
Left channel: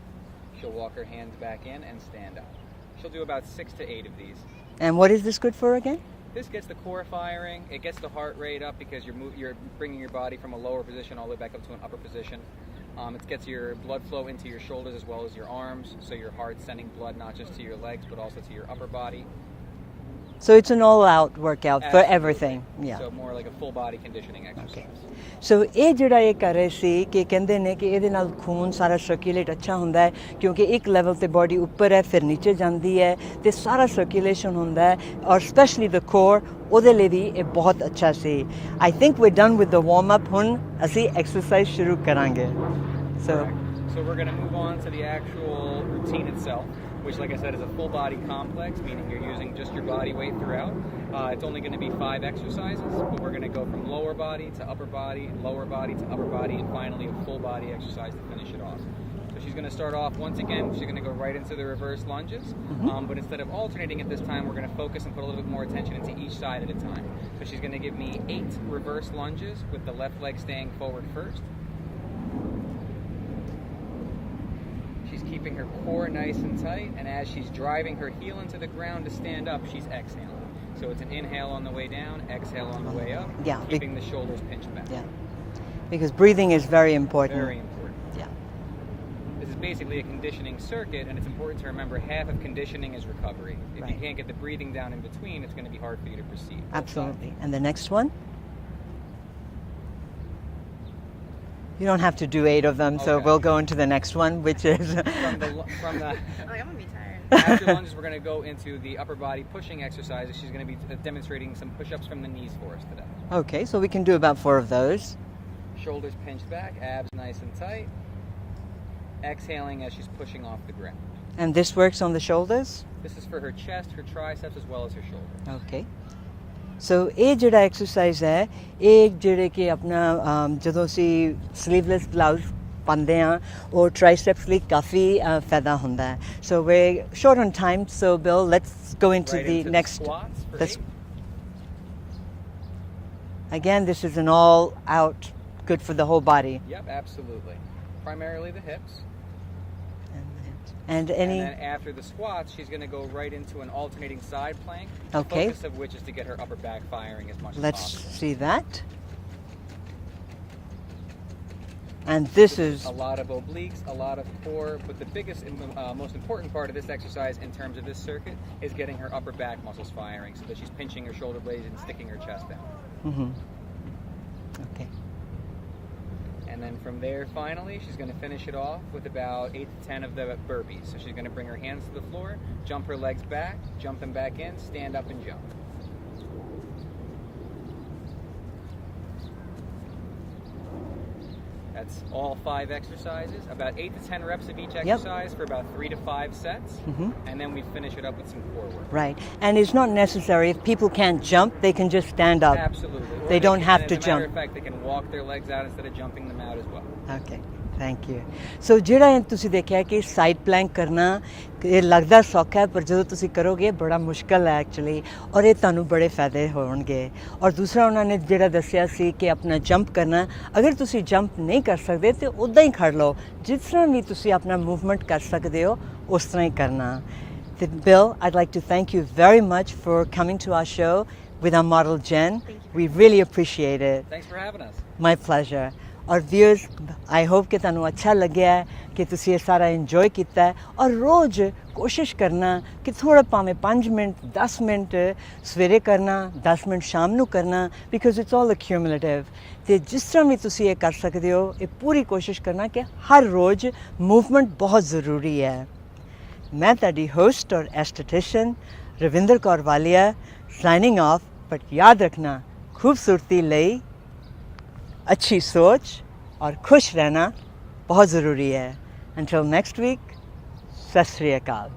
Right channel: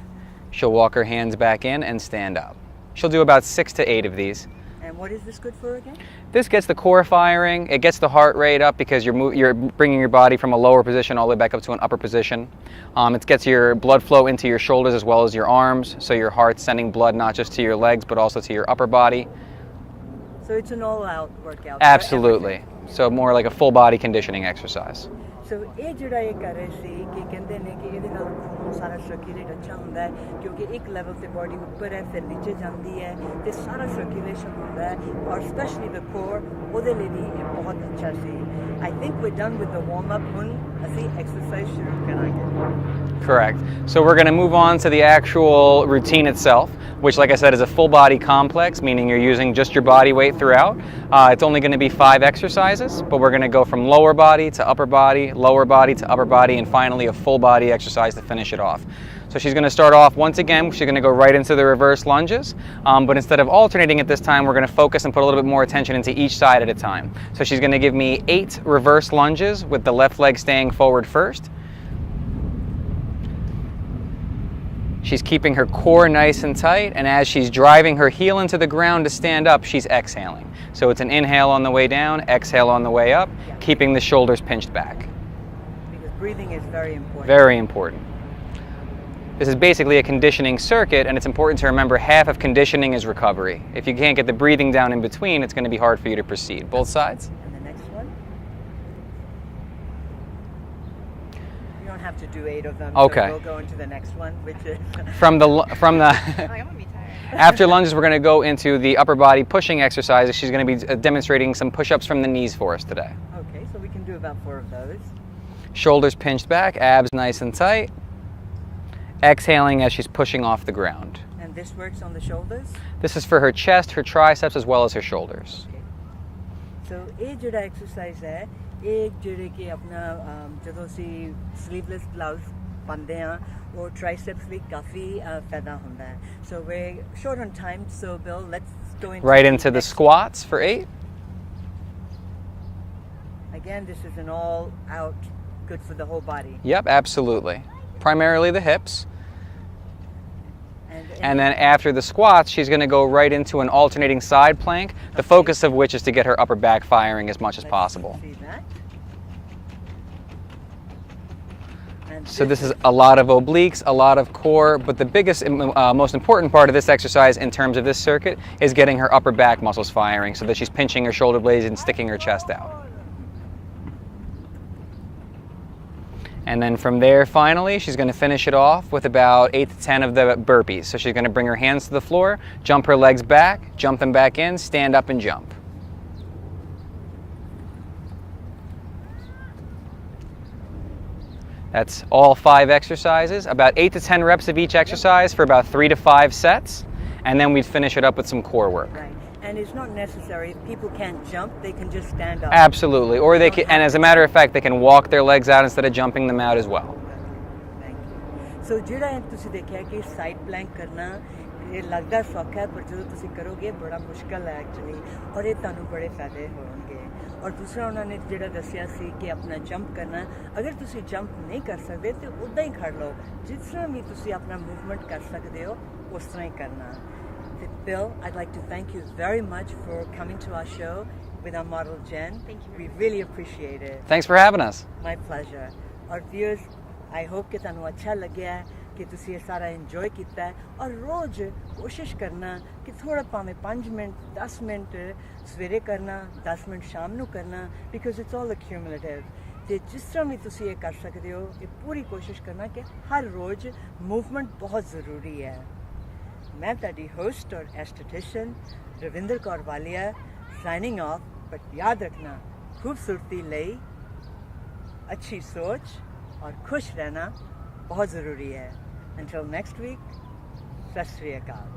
She'll walk her hands back in and stand up. She'll do about 6 to 8 of these. And what is this good for again? This gets the core firing. It gets the heart rate up because you're bringing your body from a lower position all the way back up to an upper position. It gets your blood flow into your shoulders as well as your arms, so your heart's sending blood not just to your legs but also to your upper body. So it's an all-out workout for Absolutely. everything. Yeah. So more like a full body conditioning exercise. ਸੋ ਇਹ ਜਿਹੜਾ ਇਹ ਕਰ ਰਹੇ ਸੀ ਕਿ ਕਹਿੰਦੇ ਨੇ ਕਿ ਇਹਦੇ ਨਾਲ ਖੂਨ ਸਾਰਾ ਸਰਕੂਲੇਟ ਅੱਛਾ ਹੁੰਦਾ ਹੈ ਕਿਉਂਕਿ ਇੱਕ ਲੈਵਲ ਤੇ ਬਾਡੀ ਉੱਪਰ ਹੈ ਫਿਰ ਨੀਚੇ ਜਾਂਦੀ ਹੈ ਤੇ ਸਾਰਾ ਸਰਕੂਲੇਸ਼ਨ ਹੁੰਦਾ ਹੈ ਔਰ ਸਪੈਸ਼ਲੀ ਦ ਕੋਰ ਉਹਦੇ ਲਈ ਵੀ ਇਹ ਬਹੁਤ ਅੱਛਾ ਸੀ I think we done with the warm up ਹੁਣ ਅਸੀਂ ਐਕਸਰਸਾਈਜ਼ ਸ਼ੁਰੂ ਕਰਾਂਗੇ Correct. So we're going to move on to the actual routine itself, which, like I said, is a full body complex, meaning you're using just your body weight throughout. It's only going to be 5 exercises, but we're going to go from lower body to upper body to upper body, and finally a full body exercise to finish it off. So she's going to start off once again, she's going to go right into the reverse lunges, but instead of alternating at this time, we're going to focus and put a little bit more attention into each side at a time. So she's going to give me 8 reverse lunges with the left leg staying forward first. She's keeping her core nice and tight, and as she's driving her heel into the ground to stand up, she's exhaling. So it's an inhale on the way down, exhale on the way up, keeping the shoulders pinched back. Yeah. Because breathing is very important. Very important. Yeah. This is basically a conditioning circuit, and it's important to remember half of conditioning is recovery. If you can't get the breathing down in between, it's going to be hard for you to proceed. Both sides. And the next one? You don't have to do 8 of them, Okay. so we'll go into the next one, which is... From the Like, I'm gonna be tired. after lunges, we're going to go into the upper body pushing exercises. She's going to be demonstrating some push-ups from the knees for us today. Okay, so we can do about 4 of those. Shoulders pinched back, abs nice and tight. Exhaling as she's pushing off the ground. And this works on the shoulders? This is for her chest, her triceps, as well as her shoulders. Okay. So ਇਹ ਜਿਹੜਾ exercise ਹੈ ਇਹ ਜਿਹੜੇ ਕਿ ਆਪਣਾ ਜਦੋਂ ਅਸੀਂ sleeveless blouse ਪਾਉਂਦੇ ਆ ਉਹ ਟ੍ਰਾਈਸੈਪਸ ਲਈ ਕਾਫੀ ਫਾਇਦਾ ਹੁੰਦਾ ਹੈ so we're short on time so Bill let's go into right the into the next squats for 8. Again, this is an all out good for the whole body. Yep, absolutely. Primarily the hips. And then after the squats, she's going to go right into an alternating side plank, the Okay. focus of which is to get her upper back firing as much as let's possible. see that. And So this is a lot of obliques, a lot of core, but the biggest, most important part of this exercise in terms of this circuit is getting her upper back muscles firing so that she's pinching her shoulder blades and sticking her chest out. Mhm. Okay. And then from there, finally, she's going to finish it off with about 8 to 10 of the burpees. So she's going to bring her hands to the floor, jump her legs back, jump them back in, stand up and jump. That's all 5 exercises, about 8 to 10 reps of each exercise for about 3 to 5 sets, and then we'd finish it up with some core work. Right. And it's not necessary. If people can't jump, they can just stand up. Absolutely. Or They they don't can, have and as to a matter jump. of fact, they can walk their legs out instead of jumping them out as well. Okay. Thank you. So ਜਿਹੜਾ ਇਹ ਤੁਸੀਂ ਦੇਖਿਆ ਕਿ side Planck ਕਰਨਾ ਇਹ ਲੱਗਦਾ ਸੌਖਾ ਹੈ ਪਰ ਜਦੋਂ ਤੁਸੀਂ ਕਰੋਗੇ ਬੜਾ ਮੁਸ਼ਕਲ ਹੈ ਐਕਚੁਅਲੀ ਔਰ ਇਹ ਤੁਹਾਨੂੰ ਬੜੇ ਫਾਇਦੇ ਹੋਣਗੇ ਔਰ ਦੂਸਰਾ ਉਹਨਾਂ ਨੇ ਜਿਹੜਾ ਦੱਸਿਆ ਸੀ ਕਿ ਆਪਣਾ ਜੰਪ ਕਰਨਾ ਅਗਰ ਤੁਸੀਂ ਜੰਪ ਨਹੀਂ ਕਰ ਸਕਦੇ ਤੇ ਉੱਦਾਂ ਹੀ ਖੜ ਲਓ ਜਿਸ ਤਰ੍ਹਾਂ ਵੀ ਤੁਸੀਂ ਆਪਣਾ ਮੂਵਮੈਂਟ ਕਰ ਸਕਦੇ ਹੋ ਉਸ ਤਰ੍ਹਾਂ ਹੀ ਕਰਨਾ ਤੇ Bill, I'd like to thank you very much for coming to our show with our model Jen. We really appreciate it. Thanks for having us. My pleasure. ਔਰ viewers, I hope ਕਿ ਤੁਹਾਨੂੰ ਅੱਛਾ ਲੱਗਿਆ ਹੈ ਕਿ ਤੁਸੀਂ ਇਹ ਸਾਰਾ ਇੰਜੋਏ ਕੀਤਾ ਹੈ ਔਰ ਰੋਜ਼ ਕੋਸ਼ਿਸ਼ ਕਰਨਾ ਕਿ ਥੋੜਾ ਭਾਵੇਂ 5 ਮਿੰਟ 10 ਮਿੰਟ ਸਵੇਰੇ ਕਰਨਾ 10 ਮਿੰਟ ਸ਼ਾਮ ਨੂੰ ਕਰਨਾ ਬਿਕਾਜ਼ ਇਟਸ ਆਲ ਅਕਿਊਮੂਲੇਟਿਵ ਤੇ ਜਿਸ ਤਰ੍ਹਾਂ ਵੀ ਤੁਸੀਂ ਇਹ ਕਰ ਸਕਦੇ ਹੋ ਇਹ ਪੂਰੀ ਕੋਸ਼ਿਸ਼ ਕਰਨਾ ਕਿ ਹਰ ਰੋਜ਼ ਮੂਵਮੈਂਟ ਬਹੁਤ ਜ਼ਰੂਰੀ ਹੈ ਮੈਂ ਤੁਹਾਡੀ ਹੋਸਟ ਔਰ ਐਸਥੈਟਿਸ਼ੀਅਨ ਰਵਿੰਦਰ ਕੌਰ ਵਾਲੀਆ ਸਾਈਨਿੰਗ ਆਫ ਬਟ ਯਾਦ ਰੱਖਣਾ ਖੂਬਸੂਰਤੀ ਲਈ अच्छी सोच और खुश रहना बहुत ज़रूरी है Until next week, सत श्री अकाल.